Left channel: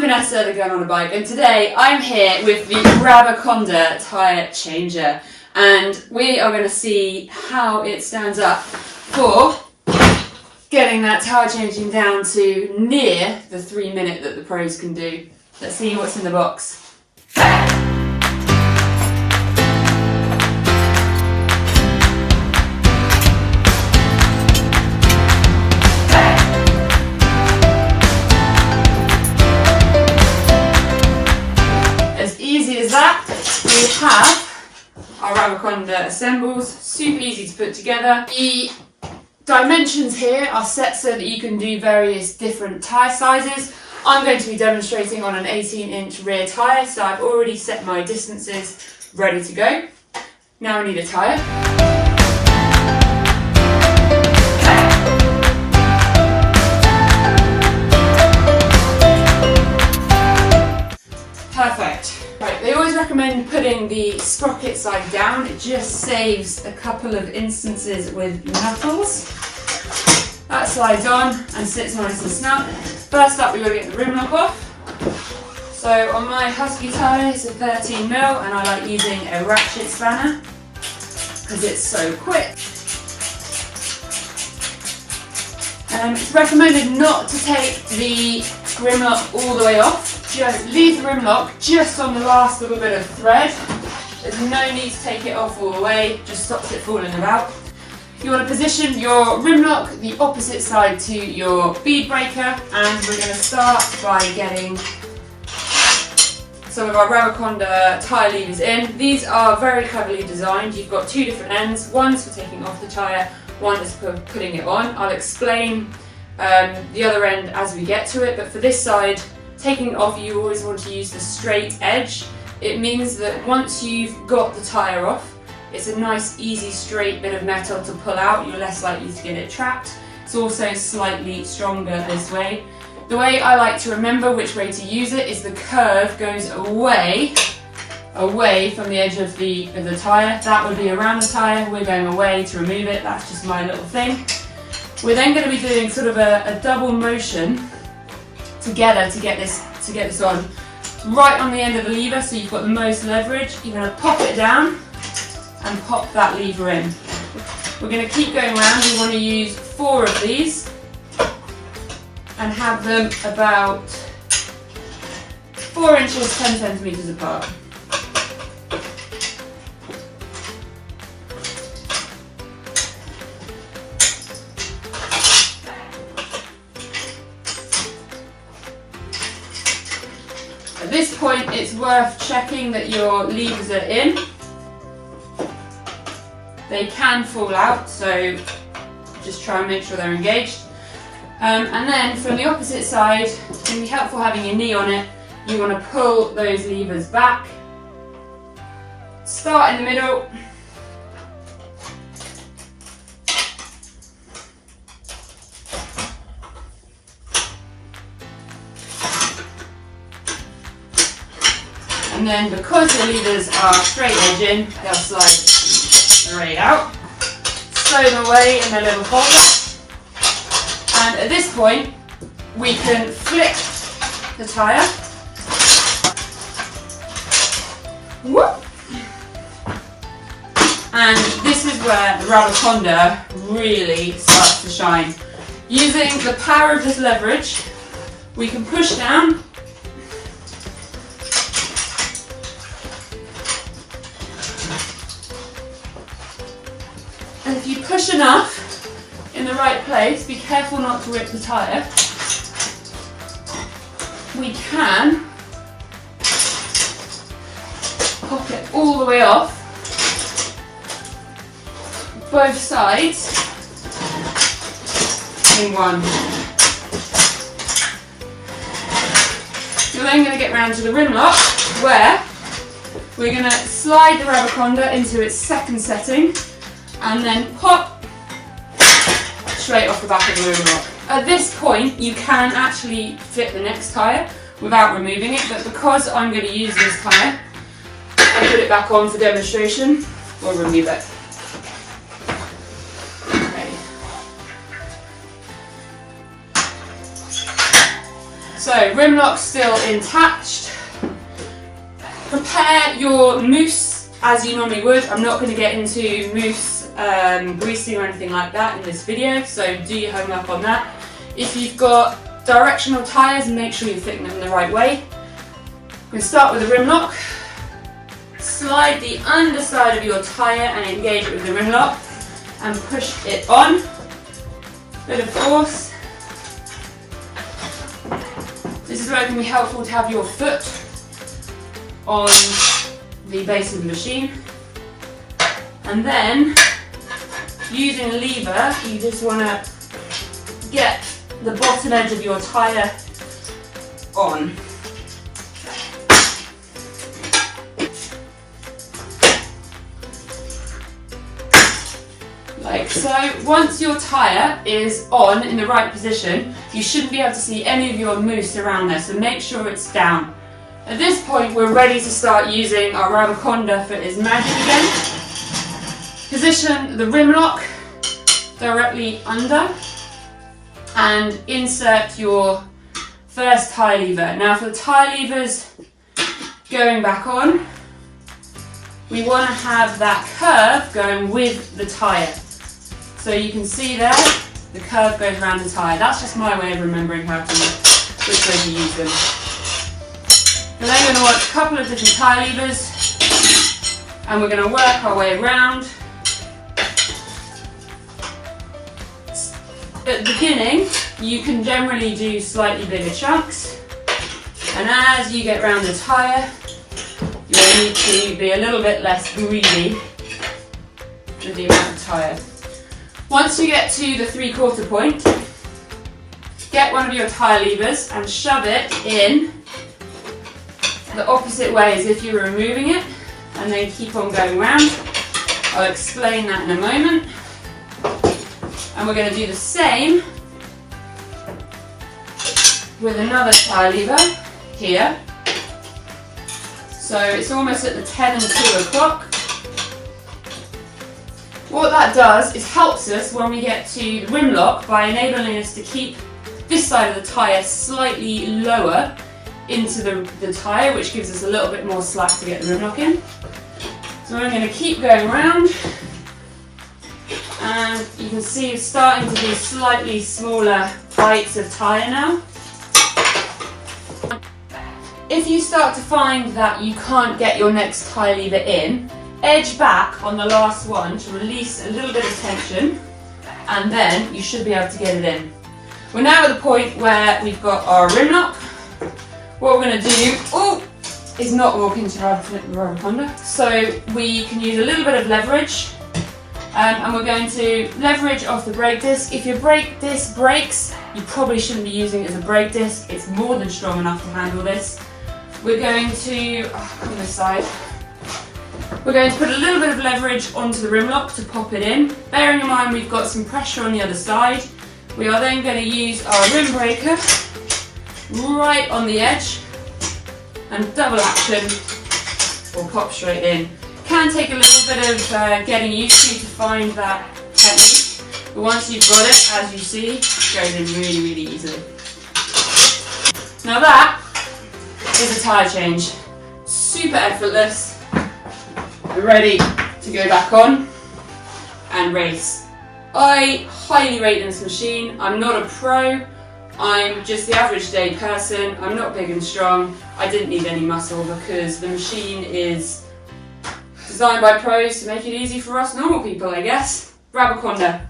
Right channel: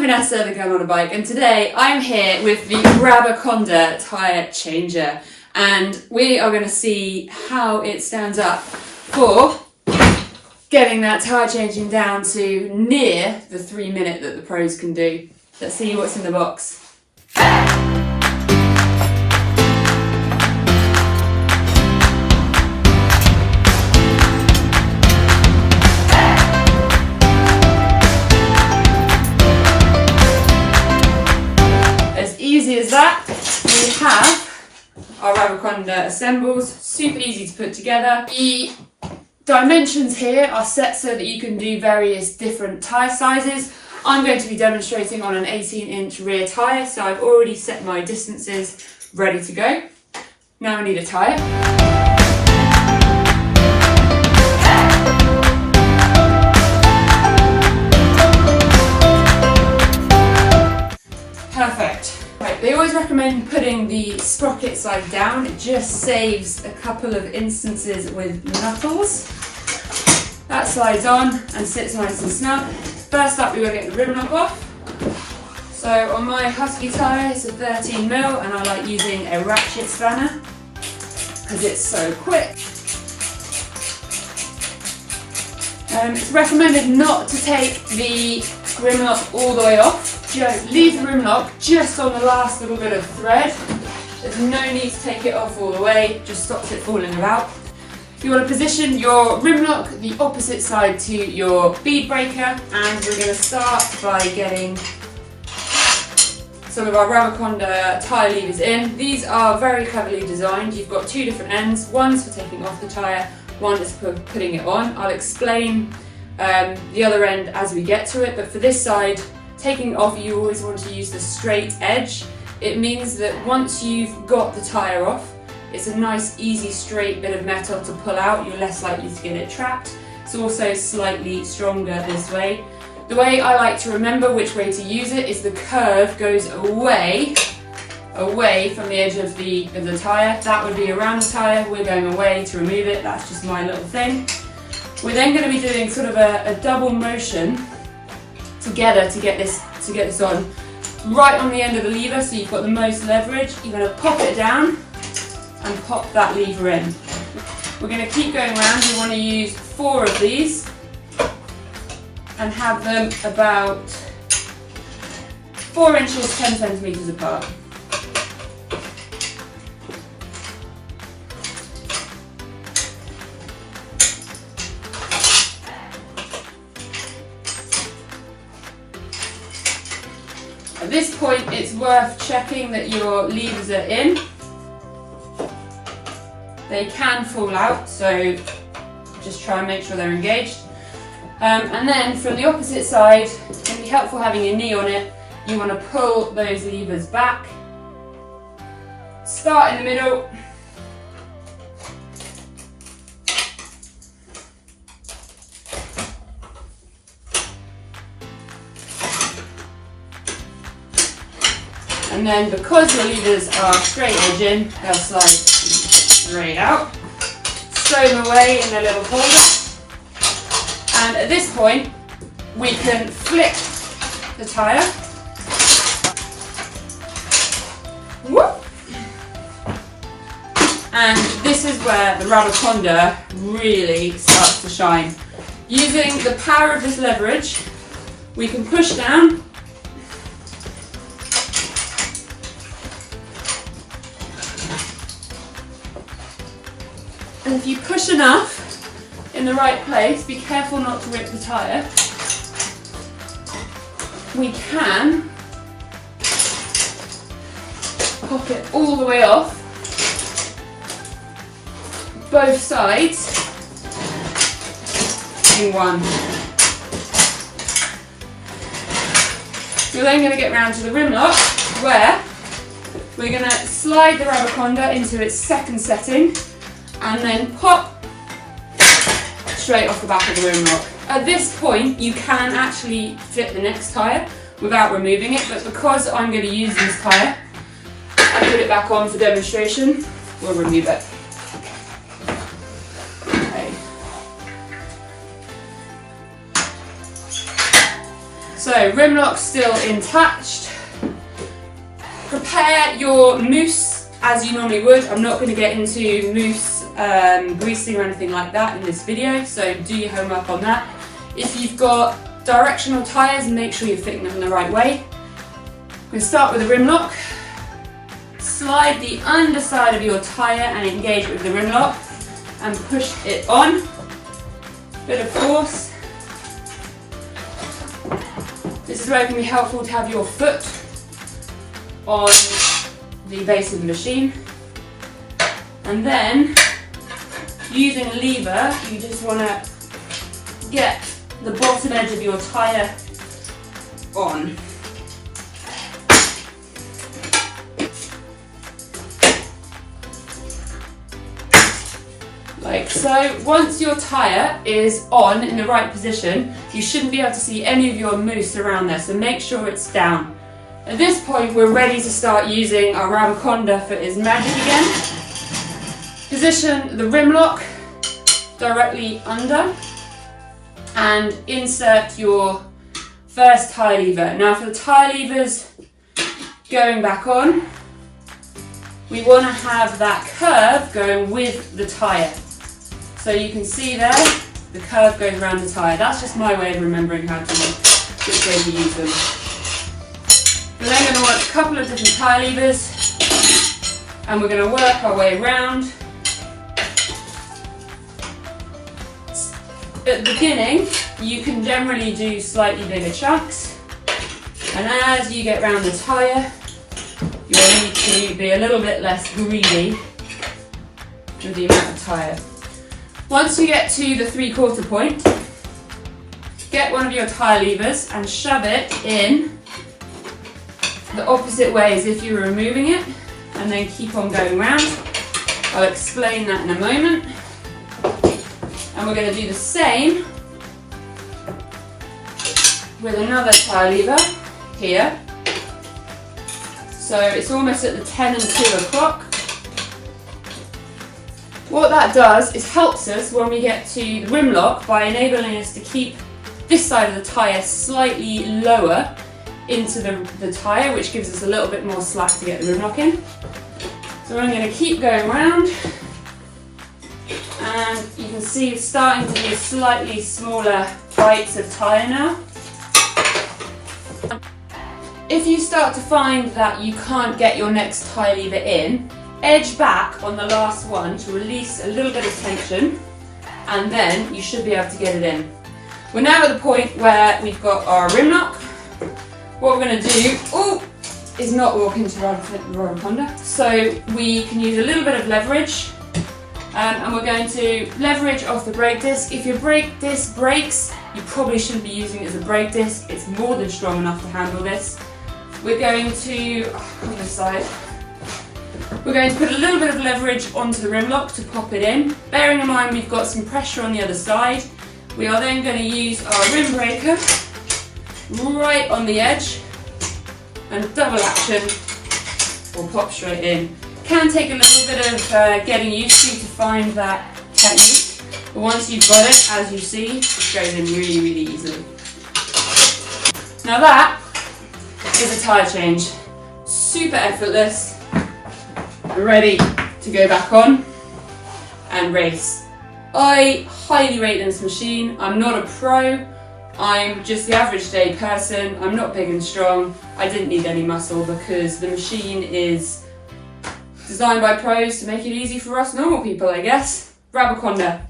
I'm Vanessa, the girl on a bike, and today I'm here with the Rabaconda tyre changer, and we are going to see how it stands up for getting that tyre changing down to near the 3 minute that the pros can do. Let's see what's in the box. Easy as that, we have our Rabaconda assembles, super easy to put together. The dimensions here are set so that you can do various different tyre sizes. I'm going to be demonstrating on an 18-inch rear tyre, so I've already set my distances ready to go. Now we need a tyre. Perfect. Right, they always recommend putting the sprocket side down. It just saves a couple of instances with knuckles. That slides on and sits nice and snug. First up, we've got to get the rim lock off. So on my Husky tyre, it's a 13mm, and I like using a ratchet spanner because it's so quick. It's recommended not to take the rim lock all the way off. Leave the rim lock just on the last little bit of thread. There's no need to take it off all the way, just stops it falling about. You want to position your rim lock the opposite side to your bead breaker, and we're going to start by getting some of our Rabaconda tyre levers in. These are very cleverly designed. You've got two different ends. One's for taking off the tyre, one is for putting it on. I'll explain the other end as we get to it, but for this side, taking it off, you always want to use the straight edge. It means that once you've got the tyre off, it's a nice, easy, straight bit of metal to pull out. You're less likely to get it trapped. It's also slightly stronger this way. The way I like to remember which way to use it is the curve goes away from the edge of the tyre. That would be around the tyre. We're going away to remove it. That's just my little thing. We're then going to be doing sort of a double motion together to get this on. Right on the end of the lever, so you've got the most leverage. You're going to pop it down and pop that lever in. We're going to keep going around. We want to use 4 of these and have them about 4 inches, 10 centimetres apart. At this point, it's worth checking that your levers are in. They can fall out, so just try and make sure they're engaged. And then from the opposite side, it can be helpful having your knee on it. You want to pull those levers back. Start in the middle. And then because your levers are straight edge in, they'll slide straight out, sew them away in their little holder. And at this point, we can flip the tyre. Whoop. And this is where the Rabaconda really starts to shine. Using the power of this leverage, we can push down. And if you push enough in the right place, be careful not to rip the tyre, we can pop it all the way off, both sides in one. You're then going to get round to the rim lock, where we're going to slide the Rabaconda into its second setting, and then pop straight off the back of the rim lock. At this point, you can actually fit the next tyre without removing it, but because I'm going to use this tyre and put it back on for demonstration, we'll remove it. Okay. So rim lock's still intact. Prepare your mousse as you normally would. I'm not going to get into mousse greasing or anything like that in this video, so do your homework on that. If you've got directional tyres, make sure you're fitting them the right way. We're going to start with the rim lock. Slide the underside of your tyre and engage it with the rim lock and push it on. Bit of force. This is where it can be helpful to have your foot on the base of the machine. And then, using a lever, you just want to get the bottom edge of your tyre on. Like so. Once your tyre is on in the right position, you shouldn't be able to see any of your mousse around there, so make sure it's down. At this point, we're ready to start using our Rabaconda for its magic again. Position the rim lock directly under and insert your first tyre lever. Now for the tyre levers going back on, we want to have that curve going with the tyre. So you can see there, the curve goes around the tyre. That's just my way of remembering which way to use them. We're then going to want a couple of different tyre levers and we're going to work our way around. At the beginning, you can generally do slightly bigger chunks, and as you get around the tyre, you'll need to be a little bit less greedy with the amount of tyre. Once you get to the 3/4 point, get one of your tyre levers and shove it in the opposite way as if you were removing it, and then keep on going round. I'll explain that in a moment. And we're going to do the same with another tyre lever here. So it's almost at the 10 and 2 o'clock. What that does is helps us when we get to the rim lock by enabling us to keep this side of the tyre slightly lower into the tyre, which gives us a little bit more slack to get the rim lock in. So I'm going to keep going around. And you can see it's starting to do slightly smaller bites of tyre now. If you start to find that you can't get your next tyre lever in, edge back on the last one to release a little bit of tension, and then you should be able to get it in. We're now at the point where we've got our rim lock. What we're going to do is not walk into Rabaconda, so we can use a little bit of leverage. And we're going to leverage off the brake disc. If your brake disc breaks, you probably shouldn't be using it as a brake disc. It's more than strong enough to handle this. We're going to, this side. We're going to put a little bit of leverage onto the rim lock to pop it in. Bearing in mind we've got some pressure on the other side, we are then going to use our rim breaker right on the edge and double action or pop straight in. Can take a little bit of getting used to find that technique, but once you've got it, as you see, it goes in really, really easily. Now that is a tyre change. Super effortless. We're ready to go back on and race. I highly rate this machine. I'm not a pro. I'm just the average day person. I'm not big and strong. I didn't need any muscle because the machine is designed by pros to make it easy for us normal people, I guess. Rabaconda.